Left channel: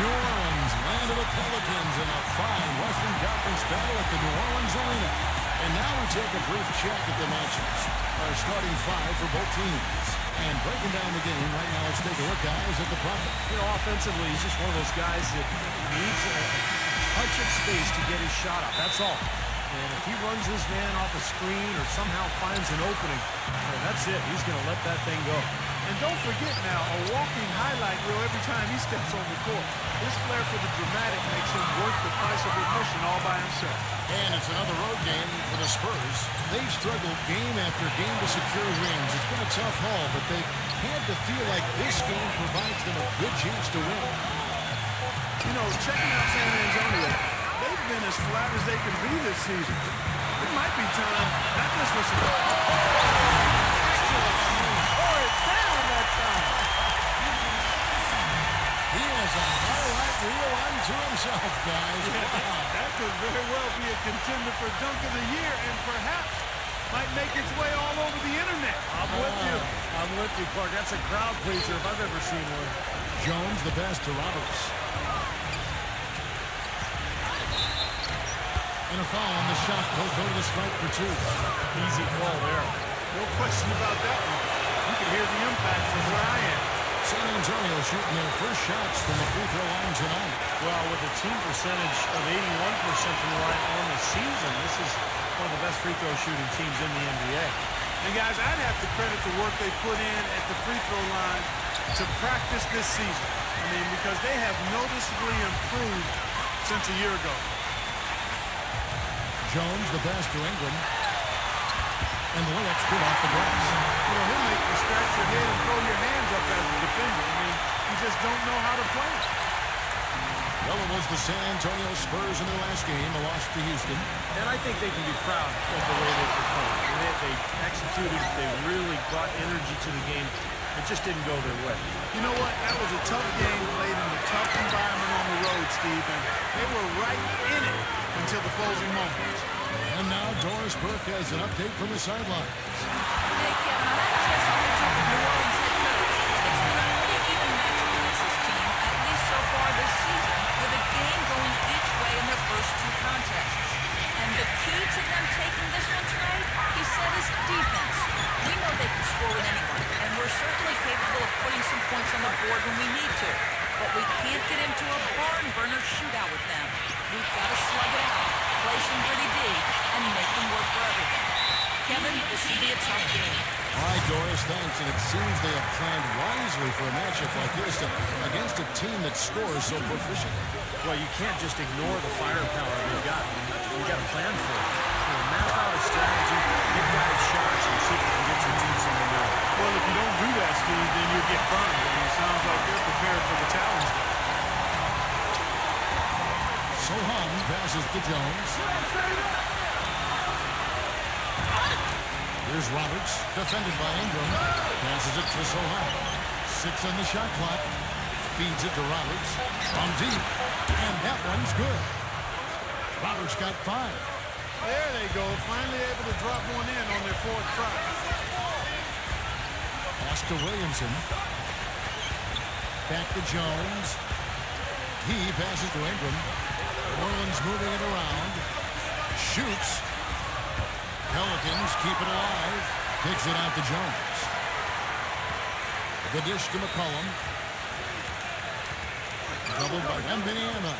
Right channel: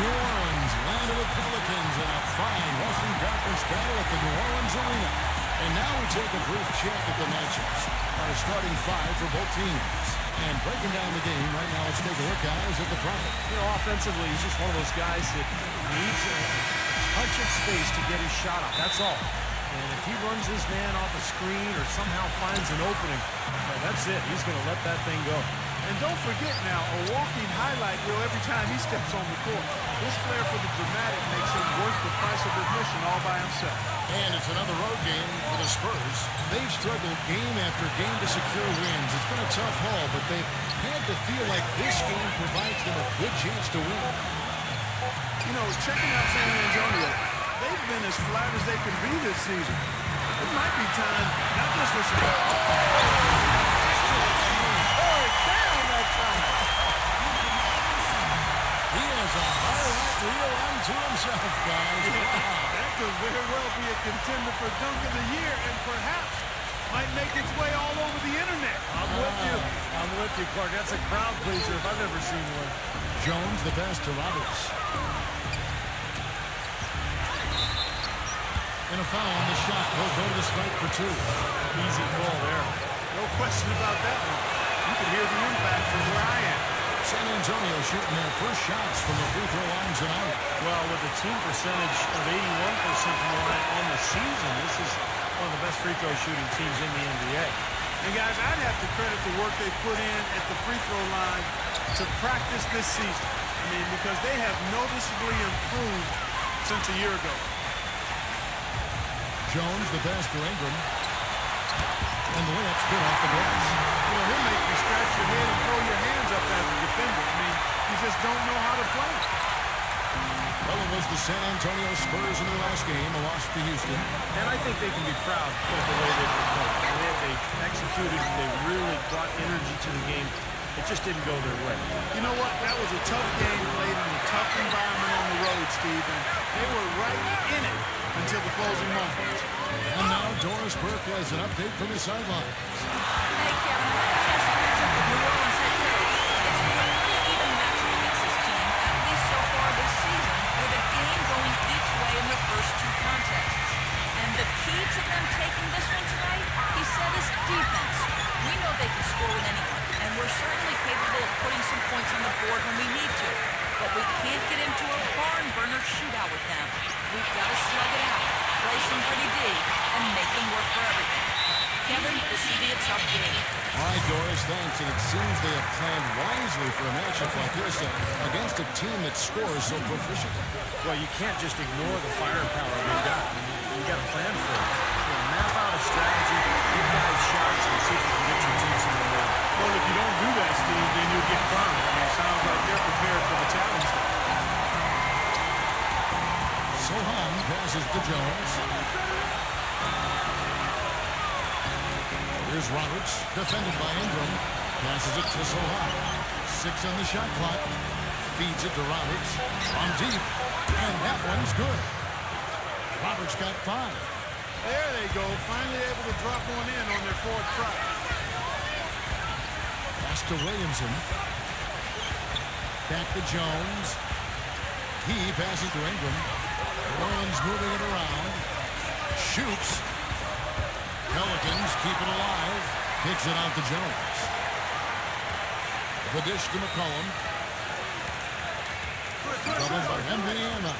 New Orleans, land of the Pelicans, in a fine Western Conference battle at the New Orleans Arena. And now we take a brief check at the matchups. Our starting five for both teams. And breaking down the game right now, let's take a look, guys, at the Prophet. You know, offensively, he's just one of those guys that needs a touch of space to get his shot up. That's all. And if he runs his man off a screen or somehow finds an opening, that's it. He's going to let that thing go. And don't forget now, a walking highlight reel every time he steps on the court. His flair for the dramatic makes him worth the price of admission all by himself. And it's another road game for the Spurs. They've struggled game after game to secure wins. It's been a tough haul, but they've had to feel like this game provides them a good chance to win. You know, checking out San Antonio, they've been as flat as they can be this season. It might be time, not just for some... ridiculous move. Tore it down that time. He has a highlight reel unto himself, guys. Yeah, wow. that could very well be a contender for Dunk of the Year and perhaps might make its way all over the internet. I'm with you. I'm with you, Clark. That's a crowd pleaser if I've ever seen one. Jones the best to Roberts. And a foul on the shot. He'll go to the stripe for two. Easy call there. No question about that one. You could hear the impact from where I am. San Antonio shooting their first shots from a free throw line tonight. Well, with a team percentage of 81% from the line on the season, this is one of the best free throw shooting teams in the NBA. And guys, I'd have to credit the work they put in at the free throw line to practice this season. I mean, because they have noticeably improved since a year ago. Jones the best to Ingram. And the layup's good off the glass. You know, he'll make you scratch your head and throw your hands up as a defender. I mean, you just don't know how to play. Well, it was the San Antonio Spurs in their last game, a loss to Houston. And I think they can be proud of the way they performed. I mean, they executed. They really brought energy to the game. It just didn't go their way. You know what? That was a tough game played in a tough environment on the road, Steve, and they were right in it until the closing moments. And now Doris Burke has an update from the sidelines. Hey, Kevin, I had a chance to catch up with New Orleans head coach. It's been a pretty even matchup against this team, at least so far this season, with a game going each way in their first two contests. And the key to them taking this one tonight, he said, is defense. We know they can score with anyone, and we're certainly capable of putting some points on the board when we need to. But we can't get into a barn-burner shootout with them. We've got to slug it out, play some gritty D, and make them work for everything. Kevin, this should be a tough game. All right, Doris, thanks. And it seems they have planned wisely for a matchup like this against a team that scores so proficiently. Well, you can't just ignore the firepower they've got. I mean, you got to plan for it. You know, map out a strategy, get guys shots, and see if you can get your team some momentum. Well, if you don't do that, Steve, then you'll get burned. I mean, it sounds like they're prepared for the challenge there. Sohan passes to Jones. Here's Roberts, defended by Ingram. Passes it to Sohan. 6 on the shot clock. Feeds it to Roberts from deep. And that one's good. Roberts got 5. There they go, finally able to drop one in on their fourth try. Pass to Williamson. Back to Jones. He passes to Ingram. New Orleans moving it around. Shoots. Pelicans keep it alive. Kicks it out to Jones. The dish to McCollum. Doubled by Wembanyama.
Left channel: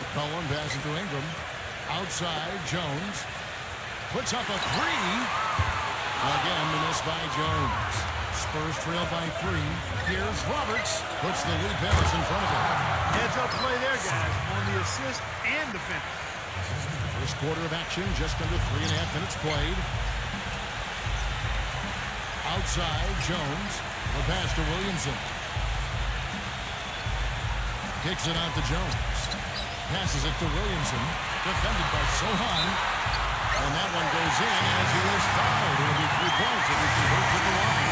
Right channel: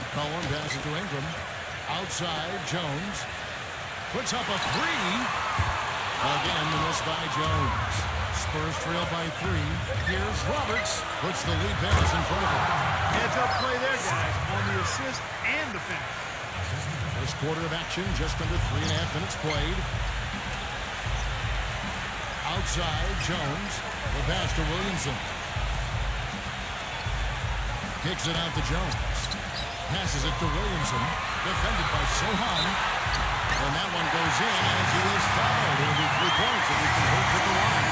McCollum passes to Ingram. Outside, Jones. Puts up a 3. Again, the miss by Jones. Spurs trail by 3. Here's Roberts. Puts the lead pass in front of him. Heads-up play there, guys, on the assist and the finish. First quarter of action, just under 3.5 minutes played. Outside, Jones. The pass to Williamson. Kicks it out to Jones. Passes it to Williamson. Defended by Sohan. And that one goes in as he is fouled. It'll be 3 points if he converts at the line.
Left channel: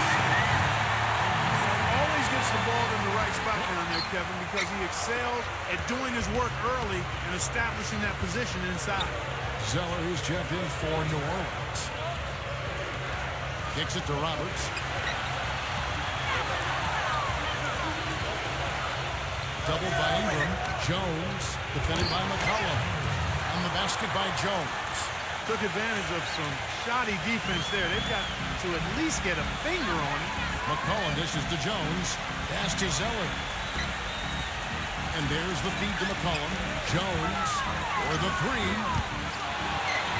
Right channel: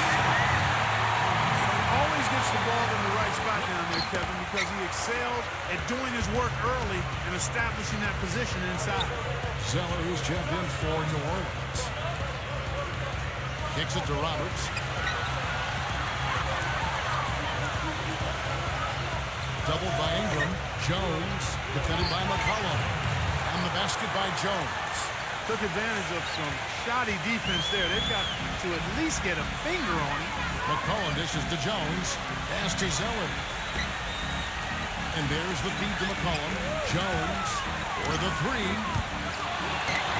Always gets the ball in the right spot down there, Kevin, because he excels at doing his work early and establishing that position inside. Zeller, he's checked in for New Orleans. Kicks it to Roberts. Doubled by Ingram. Jones, defended by McCollum. And the basket by Jones. Took advantage of some shoddy defense there. They've got to at least get a finger on it. McCollum dishes to Jones. Pass to Zeller. And there's the feed to McCollum. Jones for the three.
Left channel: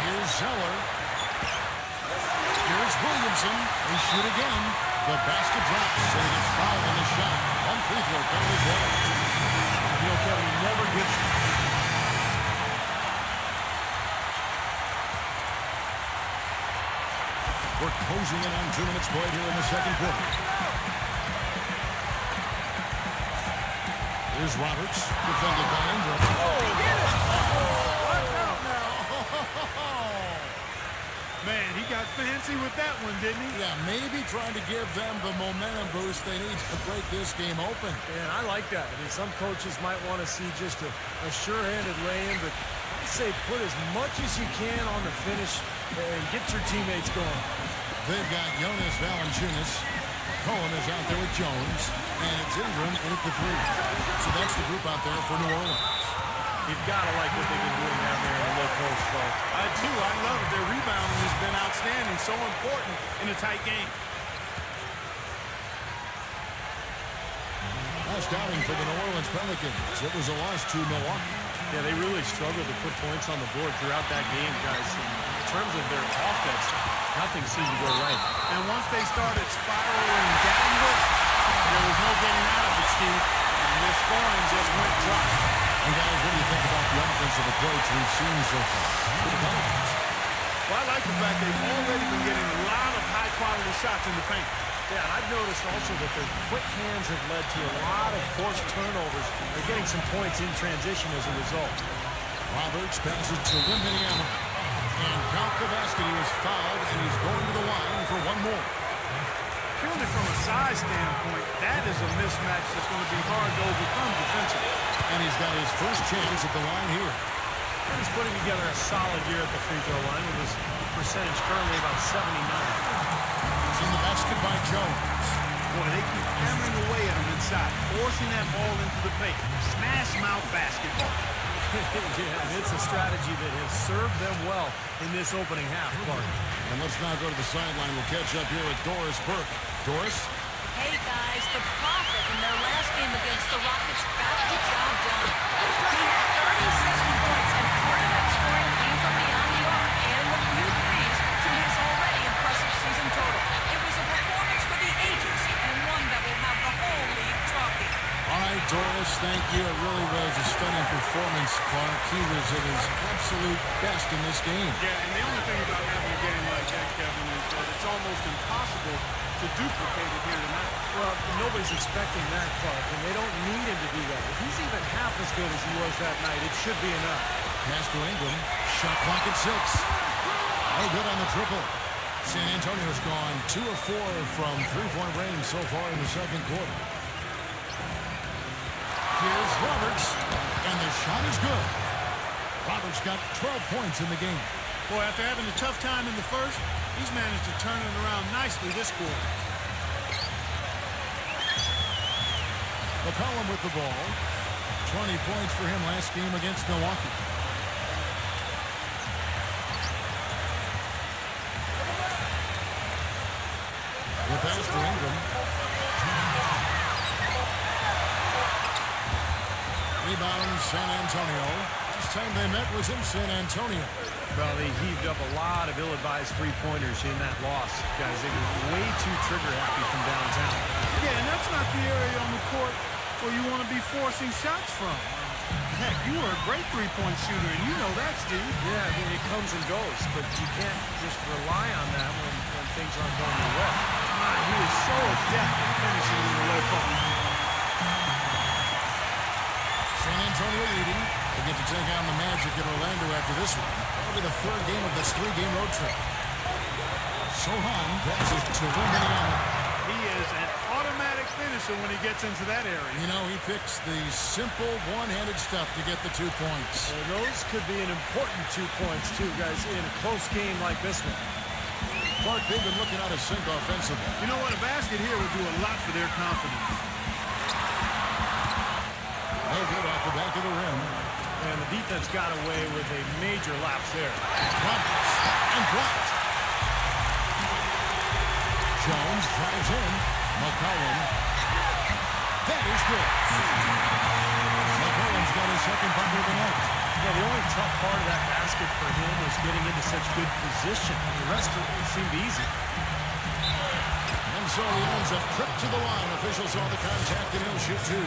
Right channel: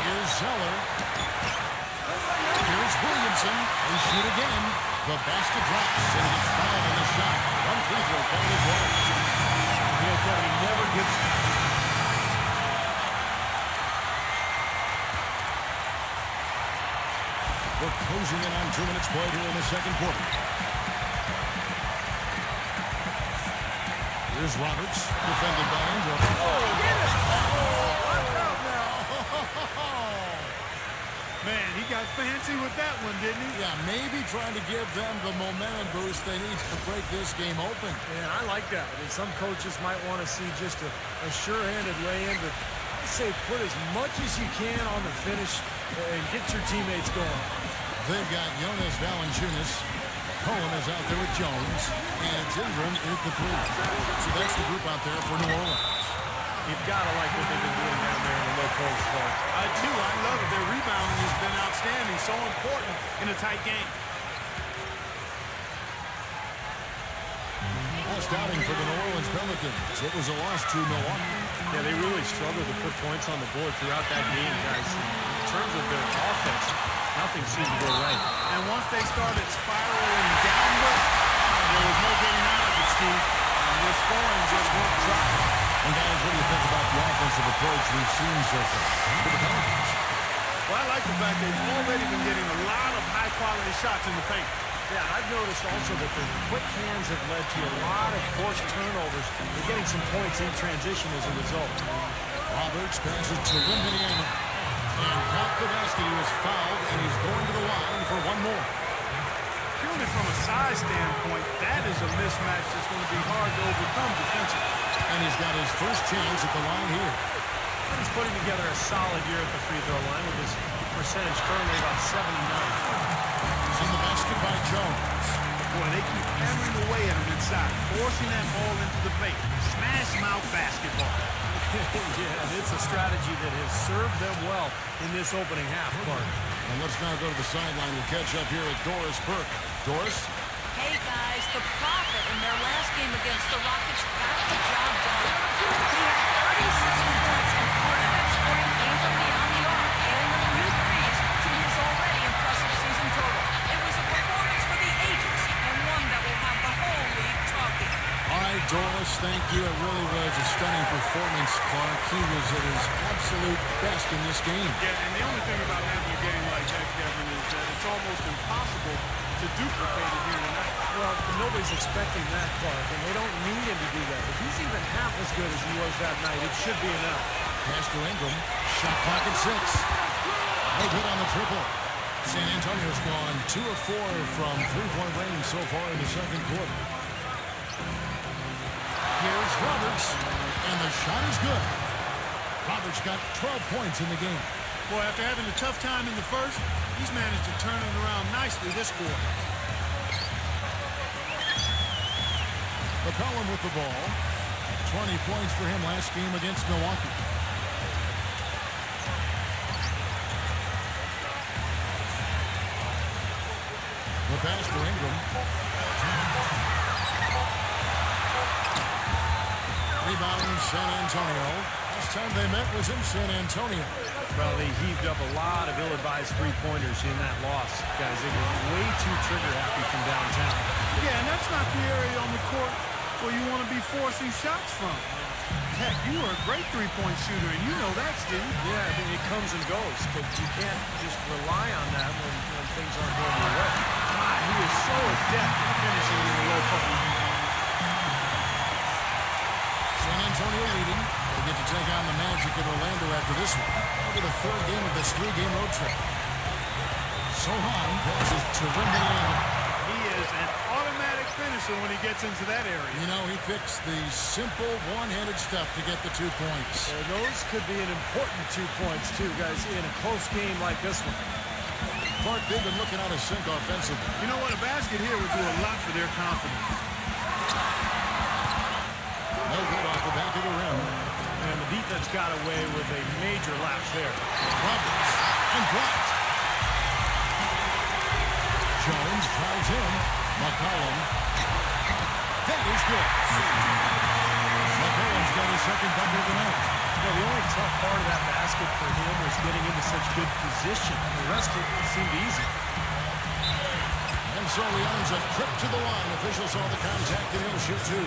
Here's Zeller. Here's Williamson. They shoot again. The basket drops, and he gets fouled on the shot. One free throw coming his way. You know, Kevin, he never gets... We're closing in on 2 minutes played here in the second quarter. Here's Roberts, defended by Ingram. Oh, get it! Oh, watch out now. Man, he got fancy with that one, didn't he? Yeah, maybe trying to give them the momentum boost they need to break this game open. Yeah, and I like that. I mean, some coaches might want to see just a sure-handed lay-in, but I say put as much as you can on the finish and get your teammates going. They've got Jonas Valanciunas. McCollum is out there with Jones, and it's Ingram in at the three. So that's the group out there for New Orleans. You've got to like what they've been doing down there in the low post, Clark. I do. I love it. Their rebounding has been outstanding. So important in a tight game. Last outing for the New Orleans Pelicans. It was a loss to Milwaukee. Yeah, they really struggled to put points on the board throughout that game, guys. In terms of their offense, nothing seemed to go right. And once they started spiraling downward, there was no getting out of it, Steve. And their scoring just went dry. And guys, what do you think about the offensive approach we've seen so far for the Pelicans? Well, I like the fact they've already been getting a lot of high-quality shots in the paint. Yeah, and I've noticed also that their quick hands have led to a lot of forced turnovers. They're getting some points in transition as a result. Roberts passes to Wembanyama. And count the basket. He was fouled, and he's going to the line for one more. Purely from a size standpoint, that is a mismatch that's going to be hard to overcome defensively. And he's got his first chance at the line here. And he's putting together a solid year at the free throw line with his percentage currently about 79. On the basket by Jones. Boy, they keep hammering away at him inside, forcing that ball into the paint. Smash mouth basketball. Yeah, and it's a strategy that has served them well in this opening half, Clark. And let's now go to the sideline. We'll catch up here with Doris Burke. Doris? Hey, guys, the Prophet in their last game against the Rockets got the job done. He had 37 points, and part of that scoring came from beyond the arc, adding a few threes to his already impressive season total. It was a performance for the ages, and one that will have the whole league talking. All right, Doris, thank you. It really was a stunning performance, Clark. He was at his absolute best in this game. Yeah, and the only thing about having a game like that, Kevin, is that it's almost impossible to duplicate it here tonight. Well, nobody's expecting that, Clark, and they don't need him to do that. If he's even half as good as he was that night, it should be enough. Pass to Ingram. Shot clock at 6. No good on the triple. San Antonio's gone 2 of 4 from three-point range so far in the second quarter. Here's Roberts, and the shot is good. Roberts got 12 points in the game. Boy, after having a tough time in the first, he's managed to turn it around nicely this quarter. McCollum with the ball. 20 points for him last game against Milwaukee. The pass to Ingram. Rebound, San Antonio. Last time they met was in San Antonio. Well, they heaved up a lot of ill-advised three-pointers in that loss. Guys, they were way too trigger-happy from downtown. Yeah, and that's not the area on the court where you want to be forcing shots from. Heck, you were a great three-point shooter, and you know that, Steve. Yeah, I mean, it comes and goes, but you can't just rely on that when things aren't going your way. He is so adept at finishing in the low post. San Antonio leading. They get to take on the Magic in Orlando after this one. That'll be the third game of this 3-game road trip. Sohan passes to Wembanyama. He is an automatic finisher when he gets into that area. You know, he picks the simple one-handed stuff to get the 2 points. And those could be an important 2 points, too, guys, in a close game like this one. Clark, they've been looking out of sync offensively. You know what? A basket here would do a lot for their confidence. No good off the back of the rim. And the defense got away with a major lapse there. Roberts and blocked. Jones drives in. McCollum. That is good. McCollum's got his second bucket of the night. You know, the only tough part of that basket for him was getting into such good position. The rest of it seemed easy. And so he earns a trip to the line. Officials saw the contact, and he'll shoot two.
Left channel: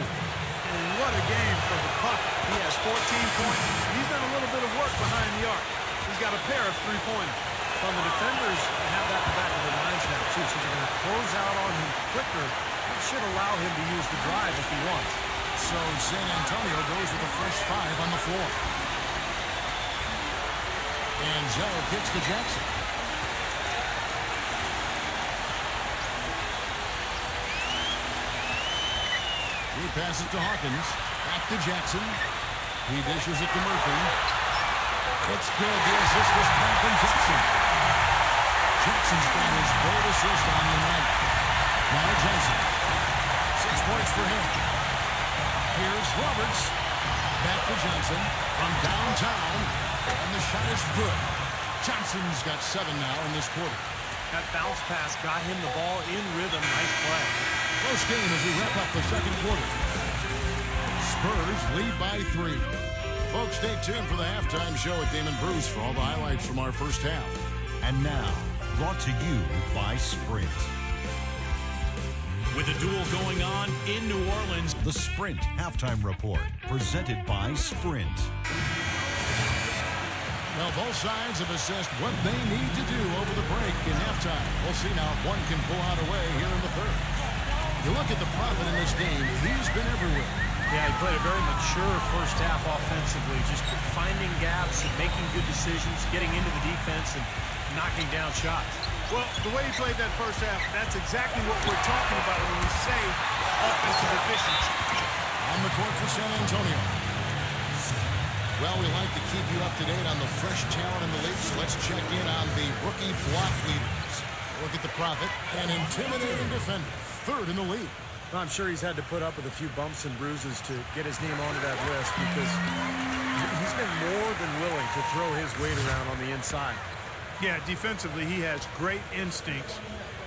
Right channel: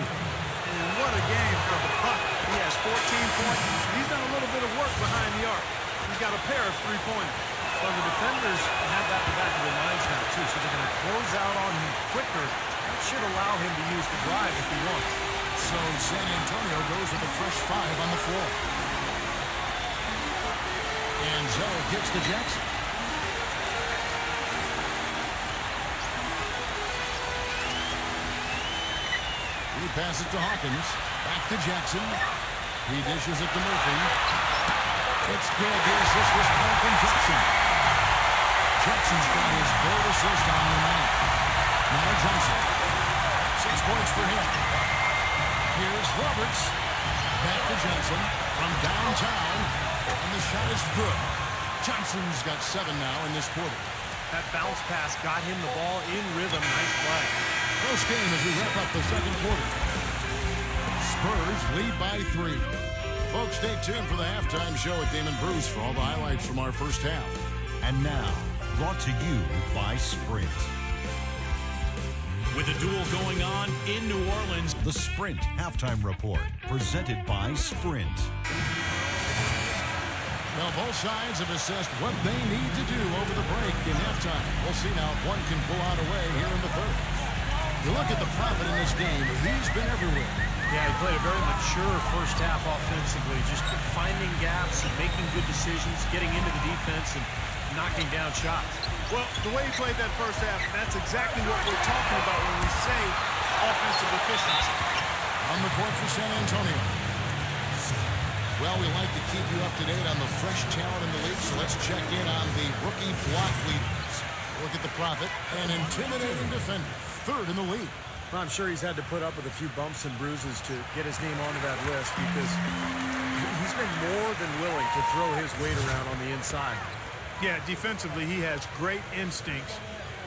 And what a game for the Prophet. He has 14 points. He's done a little bit of work behind the arc. He's got a pair of three-pointers. Well, the defenders have that in the back of their minds now, too, so they're going to close out on him quicker. That should allow him to use the drive if he wants. So San Antonio goes with a fresh 5 on the floor. And Zoe kicks to Jackson. He passes to Hawkins. Back to Jackson. He dishes it to Murphy. It's good. The assist was time from Jackson. Jackson's got his third assist on the night. Now Johnson. 6 points for him. Here's Roberts. Back to Johnson from downtown. And the shot is good. Johnson's got 7 now in this quarter. That bounce pass got him the ball in rhythm. Nice play. Close game as we wrap up the second quarter. Spurs lead by 3. Folks, stay tuned for the halftime show at Damon Bruce for all the highlights from our first half. And now, brought to you by Sprint. With a duel going on in New Orleans, The Sprint Halftime Report, presented by Sprint. Well, both sides have assessed what they need to do over the break in halftime. We'll see now if one can pull out a way here in the third. You look at the Prophet in this game, he's been everywhere. Yeah, he played a very mature first half offensively, just finding gaps and making good decisions, getting into the defense and knocking down shots. Well, the way he played that first half, that's exactly what we're talking about when we say offensive efficiency. On the court for San Antonio. Well, we like to keep you up to date on the fresh talent in the league, so let's check in on the rookie block leaders. Look at the Prophet, an intimidating defender, 3rd in the league. Well, I'm sure he's had to put up with a few bumps and bruises to get his name onto that list because he's been more than willing to throw his weight around on the inside. Yeah, defensively, he has great instincts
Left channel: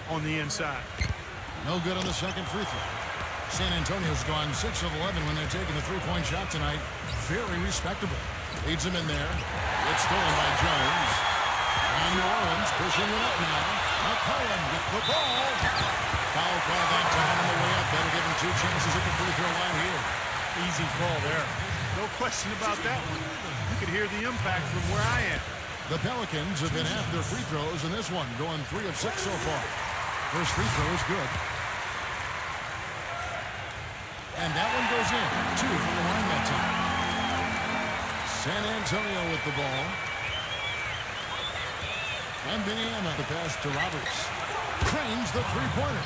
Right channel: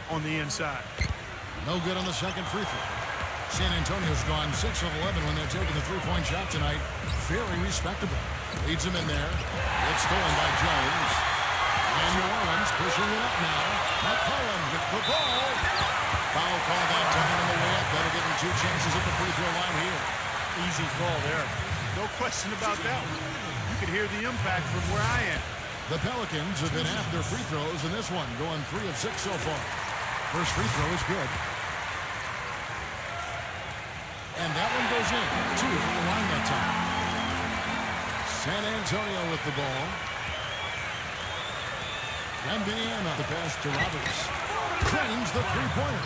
on the inside. No good on the second free throw. San Antonio's gone 6 of 11 when they're taking the three-point shot tonight. Very respectable. Leads him in there. It's stolen by Jones. And New Orleans pushing it up now. McCollum with the ball. Foul call that time on the way up. That'll give him 2 chances at the free throw line here. Easy call there. No question about that one. You could hear the impact from where I am. The Pelicans have hit half their free throws in this one, going 3 of 6 so far. First free throw is good. And that one goes in. 2 from the line that time. San Antonio with the ball. Wembanyama, the pass to Roberts. Trains the three-pointer.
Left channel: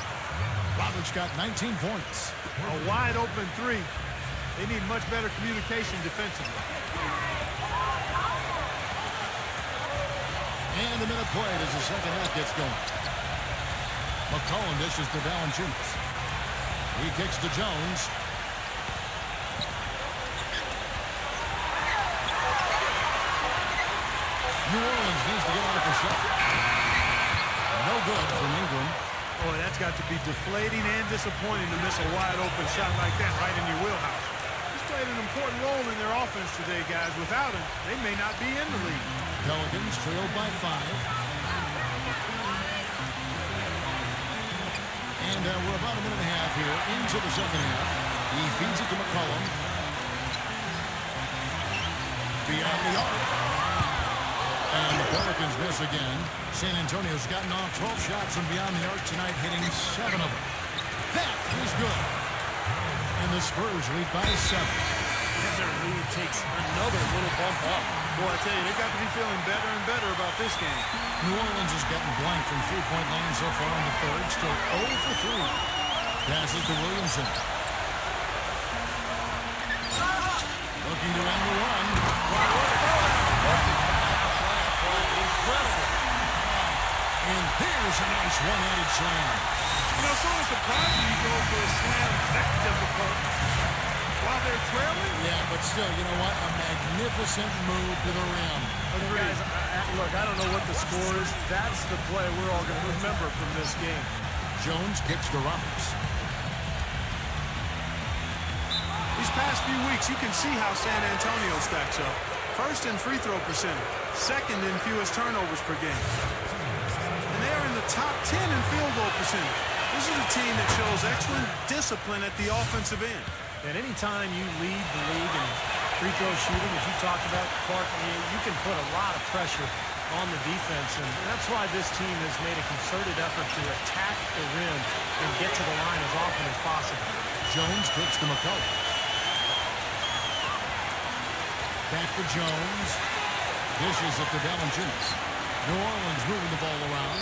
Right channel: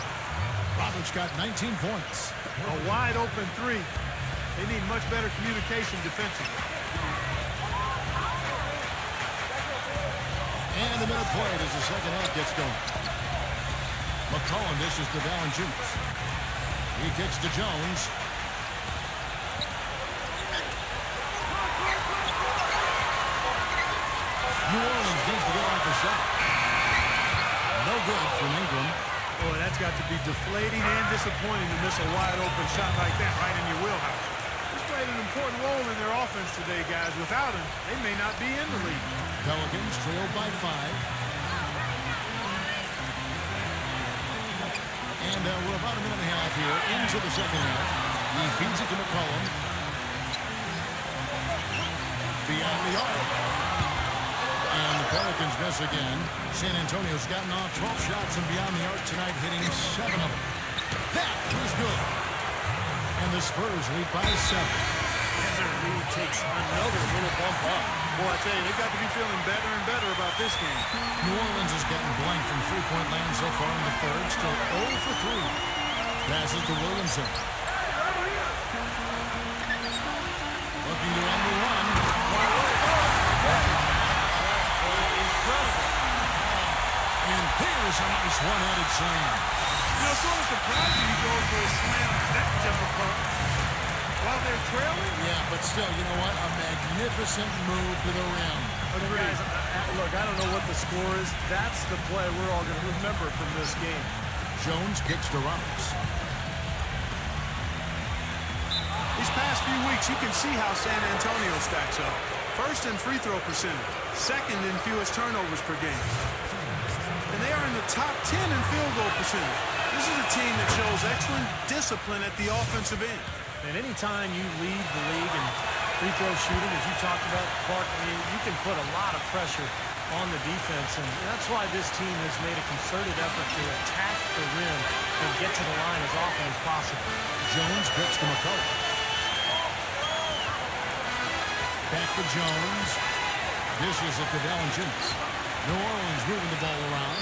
Roberts got 19 points. A wide open 3. They need much better communication defensively. And a minute played as the second half gets going. McCollum dishes to Valanciunas. He kicks to Jones. New Orleans needs to get off a shot. No good from Ingram. Oh, that's got to be deflating and disappointing to miss a wide open shot like that right in your wheelhouse. He's played an important role in their offense today, guys. Without him, they may not be in the league. Pelicans trailed by 5. And we're about a minute and a half here into the second half. He feeds it to McCollum. Beyond the arc. And the Pelicans miss again. San Antonio's gotten off 12 shots from beyond the arc tonight, hitting 7 of them. That was good. And the Spurs lead by 7. And their lead takes another little bump up. Boy, I tell you, they've got to be feeling better and better about this game. New Orleans has gotten blank from three-point land so far in the third. Still 0 for 3. Passes to Williamson. Looking to end the run. Incredible. And there's a nice one-handed slam. You know, sort of surprising he goes for a slam that difficult. while they're trailing? Yeah, but still, you know what? A magnificent move to the rim. Agreed. Guys, look, I don't know what the score is. That's the play we're all going to remember from this game. Jones kicks to Roberts. These past few weeks, you can see how San Antonio stacks up. First in free throw percentage, second in fewest turnovers per game. And they are in the top 10 in field goal percentage. This is a team that shows excellent discipline at the offensive end. And anytime you lead the league in free throw shooting, as you talked about, Clark, I mean, you can put a lot of pressure on the defense, and that's why this team has made a concerted effort to attack the rim and get to the line as often as possible. Jones kicks to McCullough. Back to Jones. Dishes it to Valanciunas. New Orleans moving the ball around.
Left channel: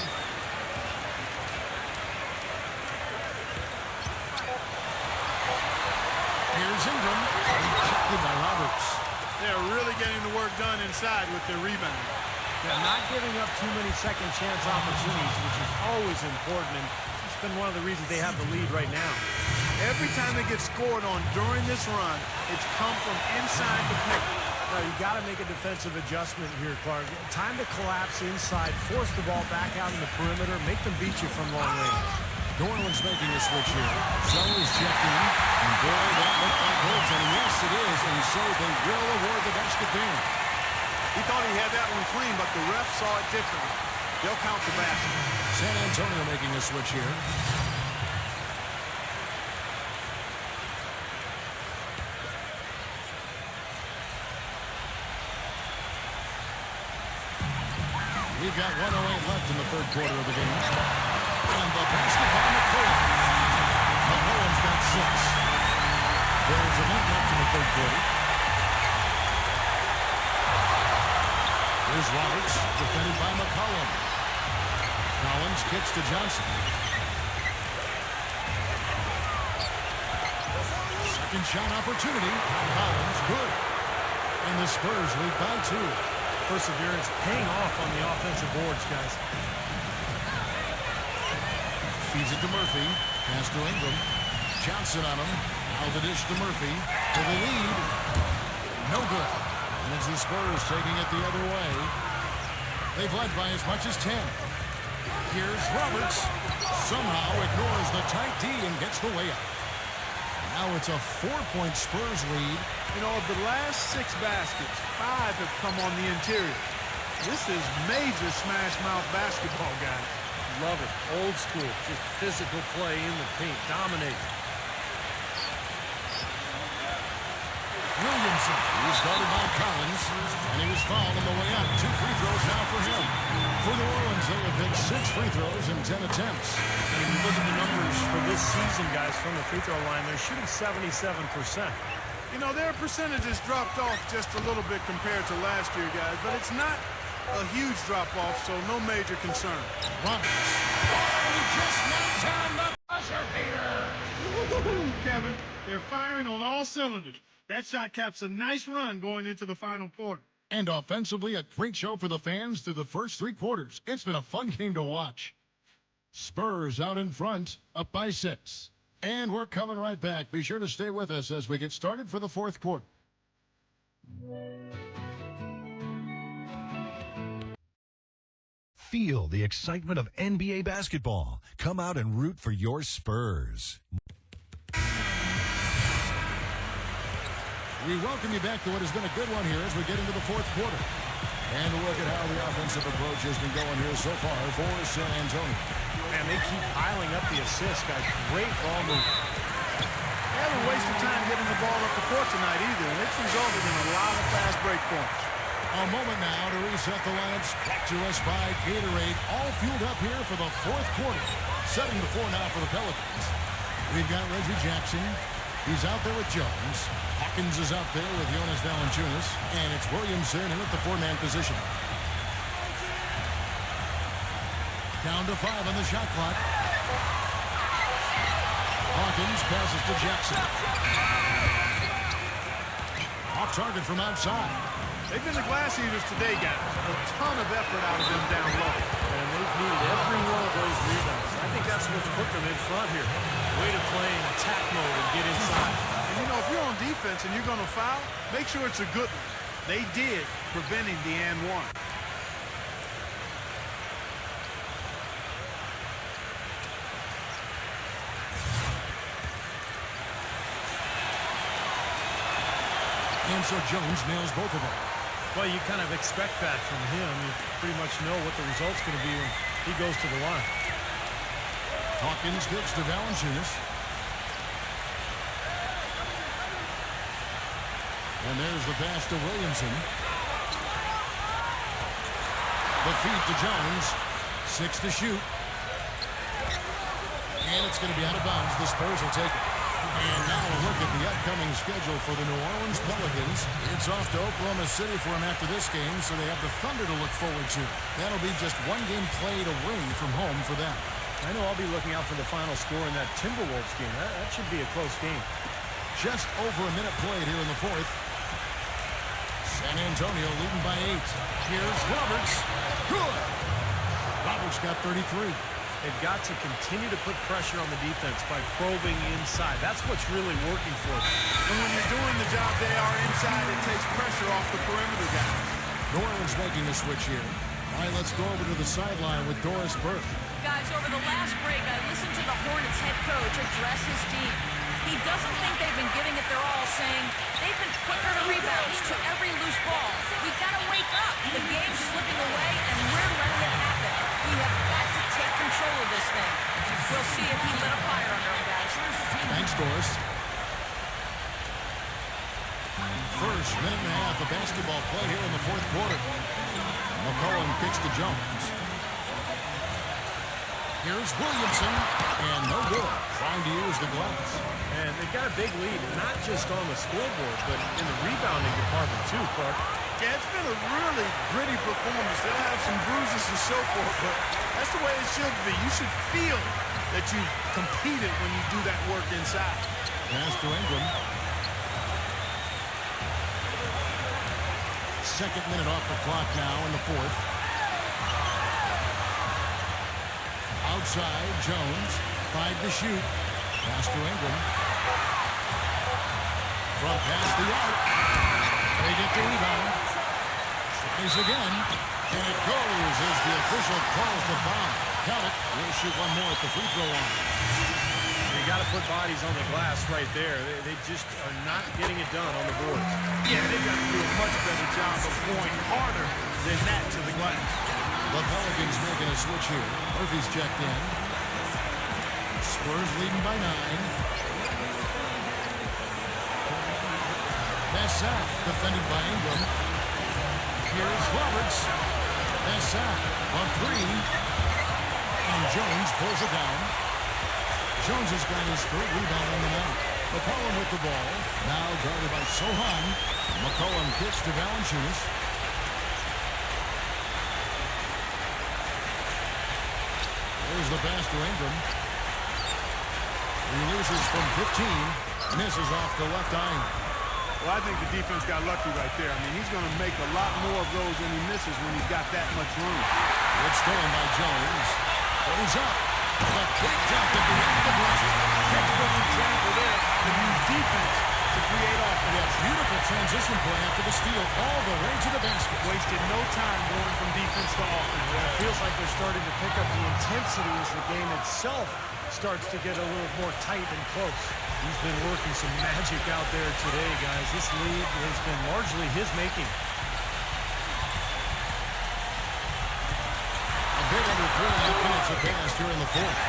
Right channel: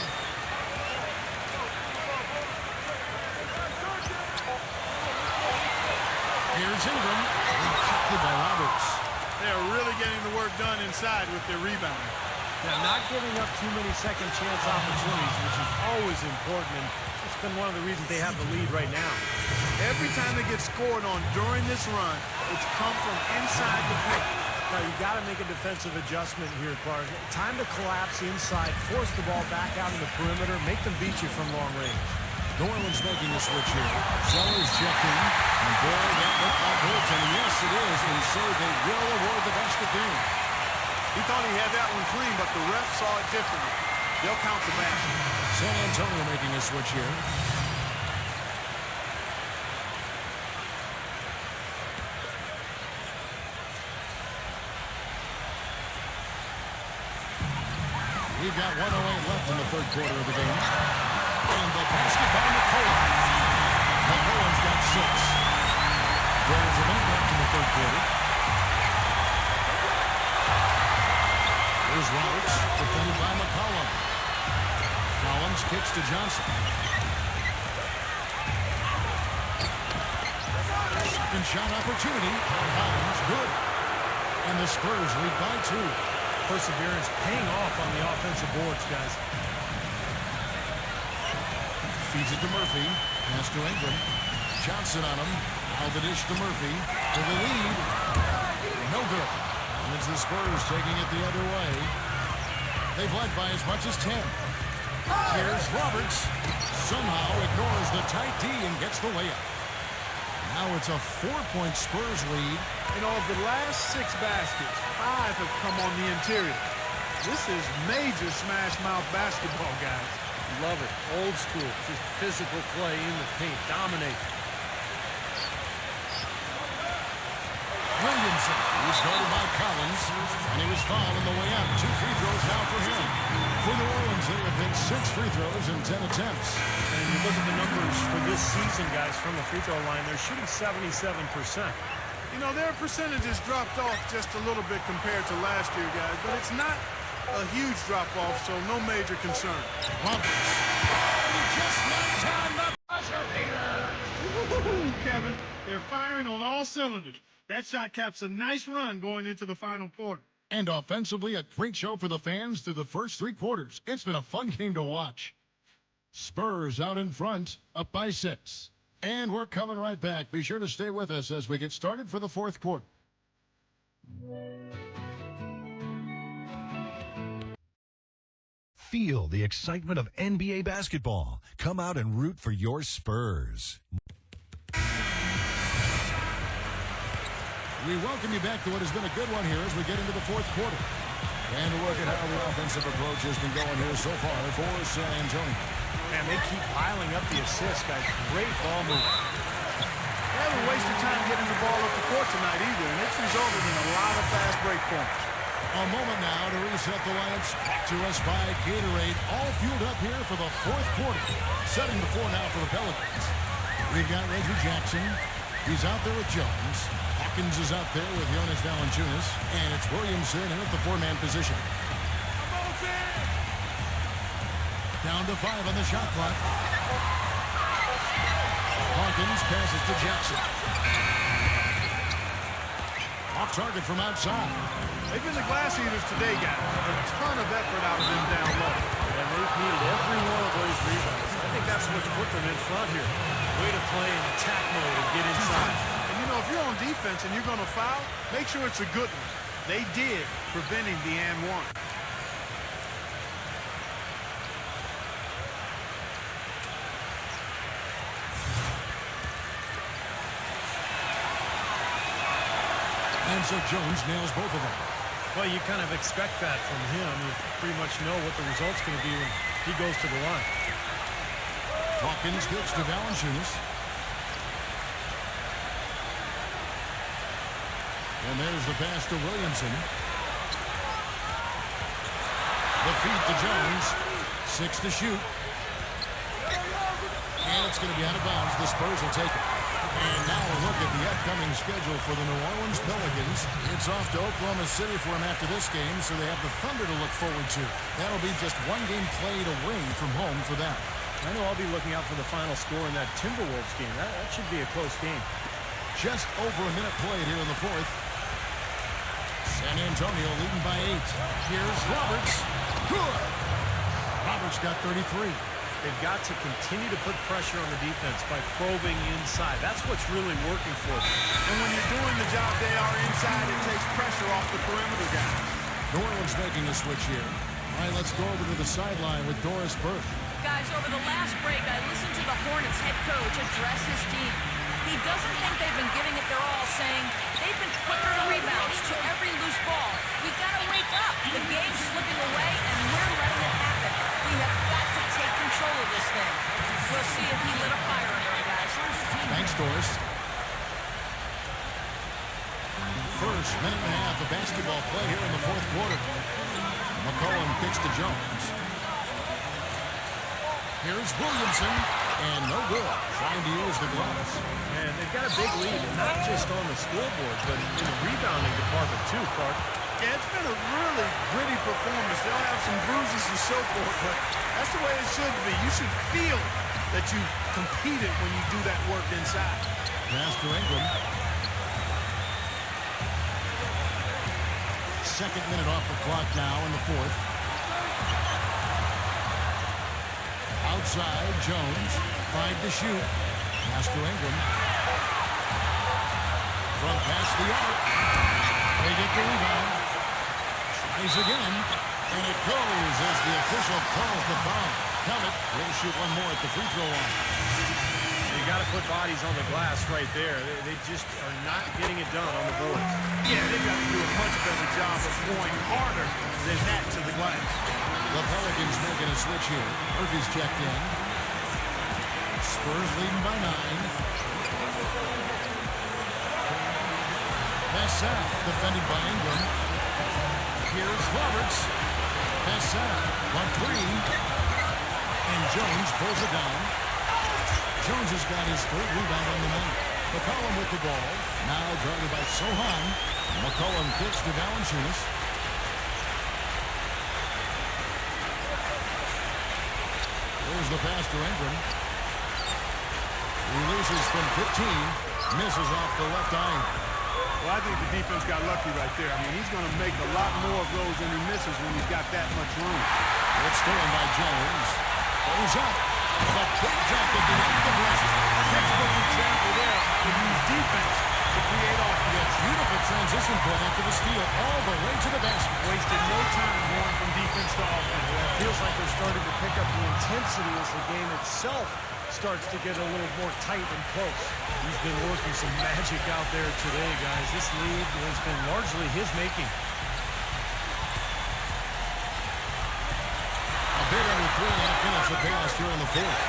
Here's Ingram. Rejected by Roberts. They're really getting the work done inside with their rebound. Yeah, not giving up too many second chance opportunities, which is always important, and that's been one of the reasons they have the lead right now. Every time they get scored on during this run, it's come from inside the paint. Now, you got to make a defensive adjustment here, Clark. Time to collapse inside, force the ball back out in the perimeter, make them beat you from long range. New Orleans making a switch here. Zeller's checked in, and boy, that looked like goaltending. Yes, it is, and so they will award the basket there. He thought he had that one clean, but the ref saw it differently. They'll count the basket. San Antonio making a switch here. We've got 1:08 left in the third quarter of the game. And the basket by McCollum. McCollum's got 6. There's a minute left in the third quarter. Here's Roberts, defended by McCollum. Collins kicks to Johnson. Second shot opportunity. Collins, good. And the Spurs lead by 2. Perseverance paying off on the offensive boards, guys. Feeds it to Murphy. Pass to Ingram. Johnson on him. Now the dish to Murphy. To the lead. No good. And it's the Spurs taking it the other way. They've led by as much as 10. Here's Roberts. Somehow ignores the tight D and gets the way up. Now it's a 4-point Spurs lead. You know, of the last 6 baskets, 5 have come on the interior. This is major smash mouth basketball, guys. Love it. Old school. Just physical play in the paint. Dominate. Williamson. He's guarded by Collins. And he was fouled on the way up. 2 free throws now for him. For New Orleans, they have hit 6 free throws in 10 attempts. And if you look at the numbers for this season, guys, from the free throw line, they're shooting 77%. You know, their percentages dropped off just a little bit compared to last year, guys, but it's not a huge drop-off, so no major concern. Roberts. Oh, he just knocked down the buzzer beater. Kevin, they're firing on all cylinders. That shot caps a nice run going into the final quarter. And offensively, a great show for the fans through the first 3 quarters. It's been a fun game to watch. Spurs out in front, up by 6. And we're coming right back. Be sure to stay with us as we get started for the fourth quarter. Feel the excitement of NBA basketball. Come out and root for your Spurs. We welcome you back to what has been a good one here as we get into the fourth quarter. And a look at how the offensive approach has been going here so far for San Antonio. Man, they keep piling up the assists, guys. Great ball movement. They haven't wasted time getting the ball up the court tonight either, and it's resulted in a lot of fast break points. A moment now to reset the lineups. Brought to us by Gatorade. All fueled up here for the fourth quarter. Setting the floor now for the Pelicans. We've got Reggie Jackson. He's out there with Jones. Hawkins is out there with Jonas Valanciunas. And it's Williamson in at the 4-man position. Down to 5 on the shot clock. Hawkins passes to Jackson. Off target from outside. They've been the glass eaters today, guys. A ton of effort out of them down low. And they've needed every one of those rebounds. I think that's what's put them in front here. Way to play in attack mode and get inside. And, you know, if you're on defense and you're going to foul, make sure it's a good one. They did, preventing the and one. And so Jones nails both of them. Well, you kind of expect that from him. You pretty much know what the result's going to be when he goes to the line. Hawkins kicks to Valanciunas. And there's the pass to Williamson. The feed to Jones. 6 to shoot. And it's going to be out of bounds. The Spurs will take it. And now a look at the upcoming schedule for the New Orleans Pelicans. It's off to Oklahoma City for them after this game, so they have the Thunder to look forward to. That'll be just one game played away from home for them. I know I'll be looking out for the final score in that Timberwolves game. That should be a close game. Just over a minute played here in the fourth. San Antonio leading by 8. Here's Roberts. Good. Roberts got 33. They've got to continue to put pressure on the defense by probing inside. That's what's really working for them. And when you're doing the job they are inside, it takes pressure off the perimeter guys. New Orleans making a switch here. All right, let's go over to the sideline with Doris Burke. Guys, over the last break, I listened to the Hornets head coach address his team. He doesn't think they've been giving it their all, saying they've been quicker to rebounds, to every loose ball. We gotta wake up. The game's slipping away, and we're letting it happen. We have got to take control of this thing. We'll see if he lit a fire under him, guys. Thanks, Doris. First minute and a half of basketball play here in the fourth quarter. McCollum kicks to Jones. Here's Williamson, and no good, trying to use the glass. And they've got a big lead, not just on the scoreboard, but in the rebounding department too, Clark. Yeah, it's been a really gritty performance. They'll have some bruises to show for it, but that's the way it should be. You should feel that you've competed when you do that work inside. Pass to Ingram. Second minute off the clock now in the fourth. Outside, Jones. 5 to shoot. Pass to Ingram. From past the arc. They get the rebound. Tries again. And it goes as the official calls the foul. Count it. We'll shoot one more at the free throw line. You got to put bodies on the glass right there. They just are not getting it done on the boards. Yeah, they've got to do a much better job of going harder than that to the glass. The Pelicans making a switch here. Murphy's checked in. Spurs leading by 9. Pass out, defended by Ingram. Here's Roberts. Pass out, on 3. And Jones pulls it down. Jones has got his 3rd rebound on the night. McCollum with the ball. Now guarded by Sohan. McCollum kicks to Valanciunas. There's the pass to Ingram. Releases from 15. Misses off the left iron. Well, I think the defense got lucky right there. I mean, he's going to make a lot more of those than he misses when he's got that much room. It's stolen by Jones. Goes up. The big dunk at the end of the break. Textbook example there of how to use defense to create offense. Yeah, beautiful transition play after the steal all the way to the basket. Wasted no time going from defense to offense. Yeah, it feels like they're starting to pick up the intensity as the game itself starts to get a little more tight and close. He's been working some magic out there today, guys. This lead has been largely his making. A bit under 3.5 minutes have passed here in the fourth.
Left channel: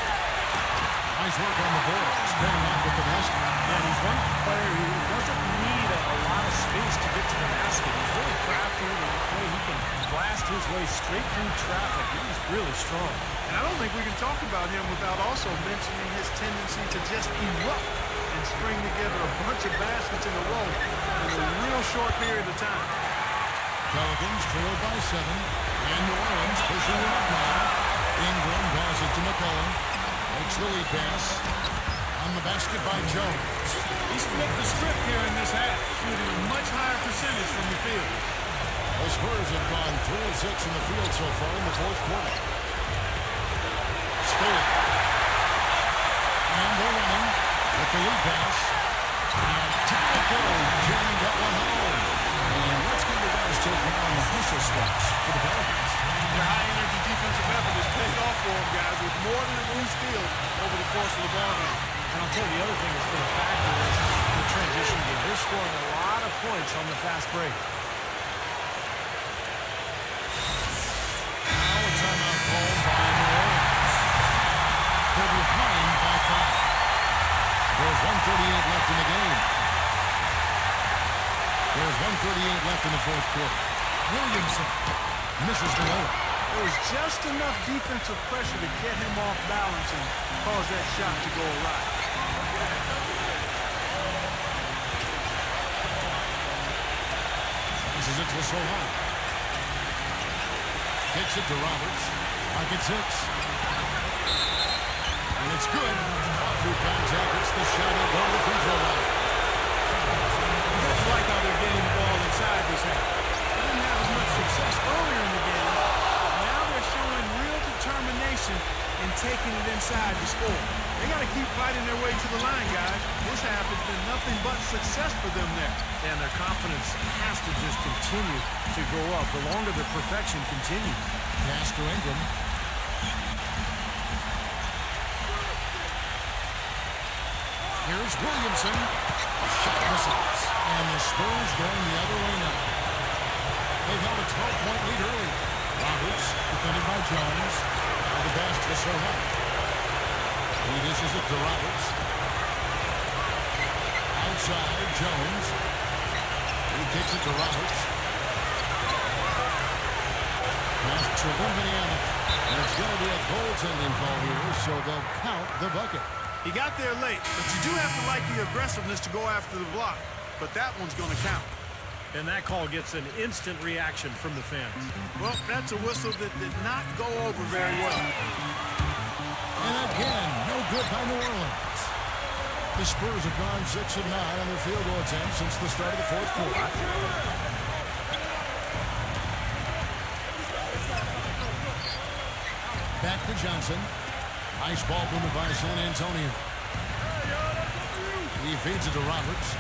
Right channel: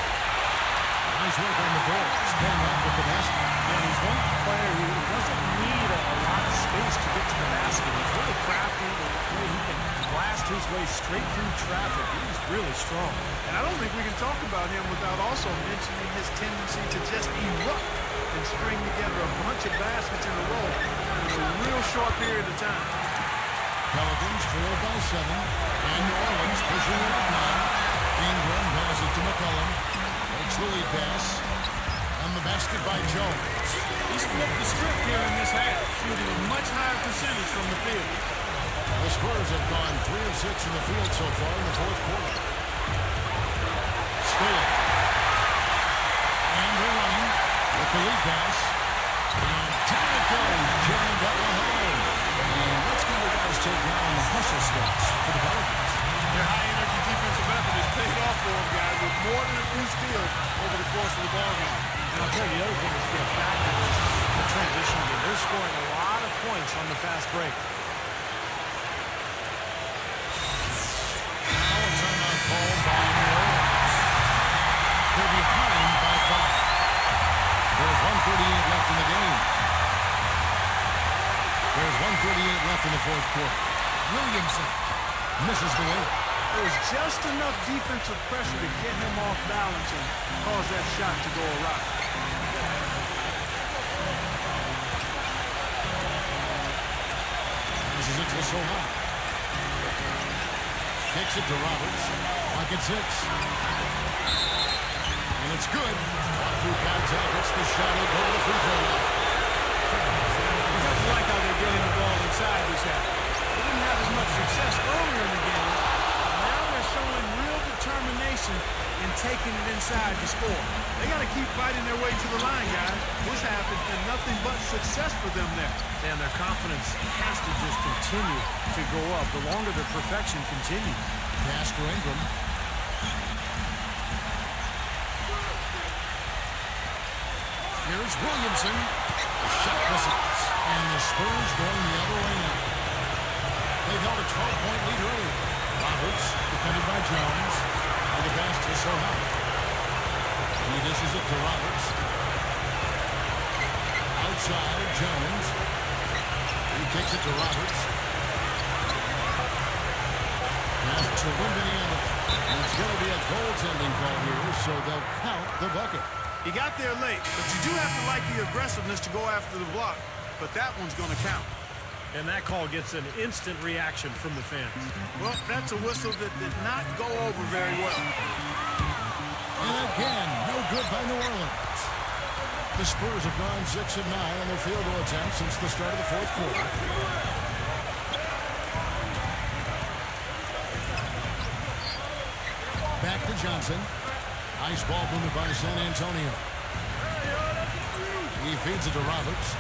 Nice work on the boards, paying off with the basket. And he's one player who doesn't need a lot of space to get to the basket. He's really crafty, the way he can blast his way straight through traffic. He's really strong. And I don't think we can talk about him without also mentioning his tendency to just erupt and string together a bunch of baskets in a row in a real short period of time. Pelicans trail by 7. And New Orleans pushing it up now. Ingram passes to McCollum. Makes the lead pass. And the basket by Jones. He's flipped the script here in this half, shooting a much higher percentage from the field. The Spurs have gone 3 of 6 from the field so far in the fourth quarter. Stolen. And they're running with the lead pass. And down it goes, jamming that one home. And let's get your guys' take now on the hustle starts for the Pelicans. Their high-energy defensive effort has paid off for them, guys, with more than a few steals over the course of the ballgame. And I'll tell you, the other thing that's been a factor is the transition game. They're scoring a lot of points on the fast break. Now a timeout called by New Orleans. They're behind by 5. There's 1:38 left in the game. There's 1:38 left in the fourth quarter. Williamson misses the layup. There was just enough defensive pressure to get him off balance and cause that shot to go awry. Passes it to Soha. Kicks it to Roberts. Clock at 6. And it's good. Walk through contact. It's the shot. He'll go to the free throw line. You have to like how they're getting the ball inside this half. They didn't have as much success earlier in the game, but now they're showing real determination in taking it inside to score. They got to keep fighting their way to the line, guys. This half has been nothing but success for them there. And their confidence has to just continue to go up the longer their perfection continues. Pass to Ingram. Here's Williamson. The shot misses. And the Spurs going the other way now. They've held a 12-point lead earlier. Roberts, defended by Jones. Now the pass to Soha. He dishes it to Roberts. Outside, Jones. He kicks it to Roberts. Pass to Wembanyama. And it's going to be a goaltending call here, so they'll count the bucket. He got there late, but you do have to like the aggressiveness to go after the block. But that one's going to count. And that call gets an instant reaction from the fans. Well, that's a whistle that did not go over very well. And again, no good by New Orleans. The Spurs have gone 6 of 9 on their field goal attempts since the start of the fourth quarter. Back to Johnson. Nice ball movement by San Antonio. He feeds it to Roberts.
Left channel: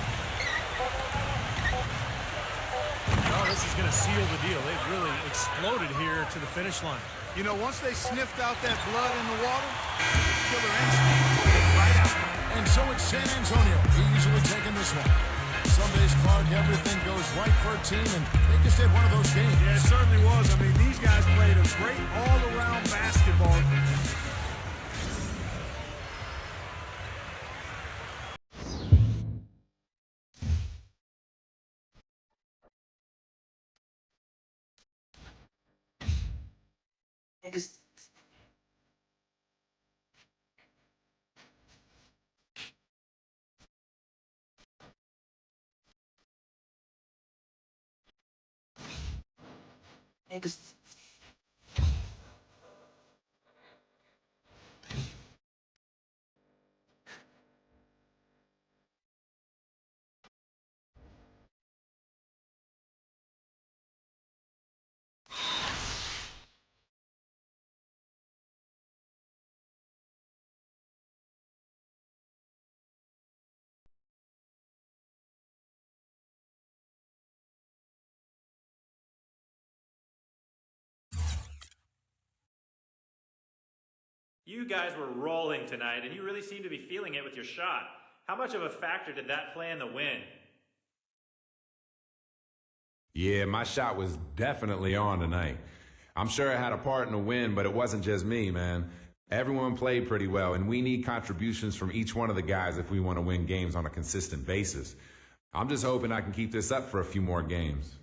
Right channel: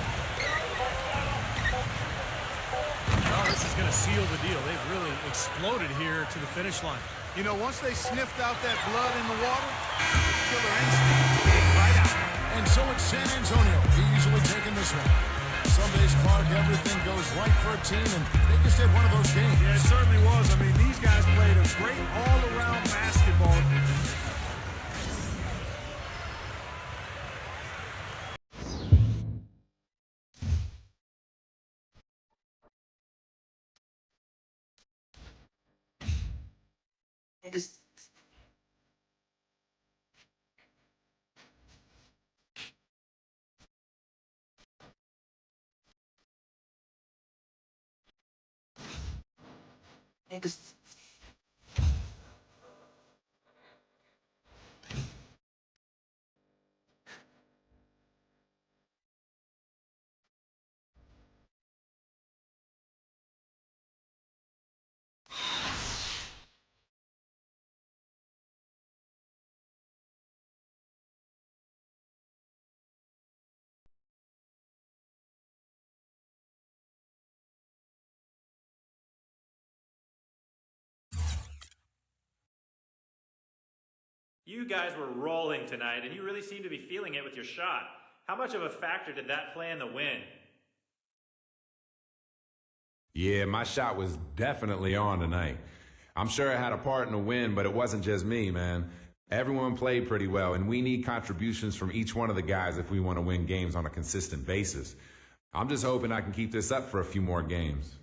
Oh, this is going to seal the deal. They've really exploded here to the finish line. You know, once they sniffed out that blood in the water, the killer instinct came right out. And so it's San Antonio easily taking this one. Some days, Clark, everything goes right for a team, and they just had one of those games. Yeah, it certainly was. I mean, these guys played a great all-around basketball. You guys were rolling tonight, and you really seem to be feeling it with your shot. How much of a factor did that play in the win? Yeah, my shot was definitely on tonight. I'm sure it had a part in the win, but it wasn't just me, man. Everyone played pretty well, and we need contributions from each one of the guys if we want to win games on a consistent basis. I'm just hoping I can keep this up for a few more games.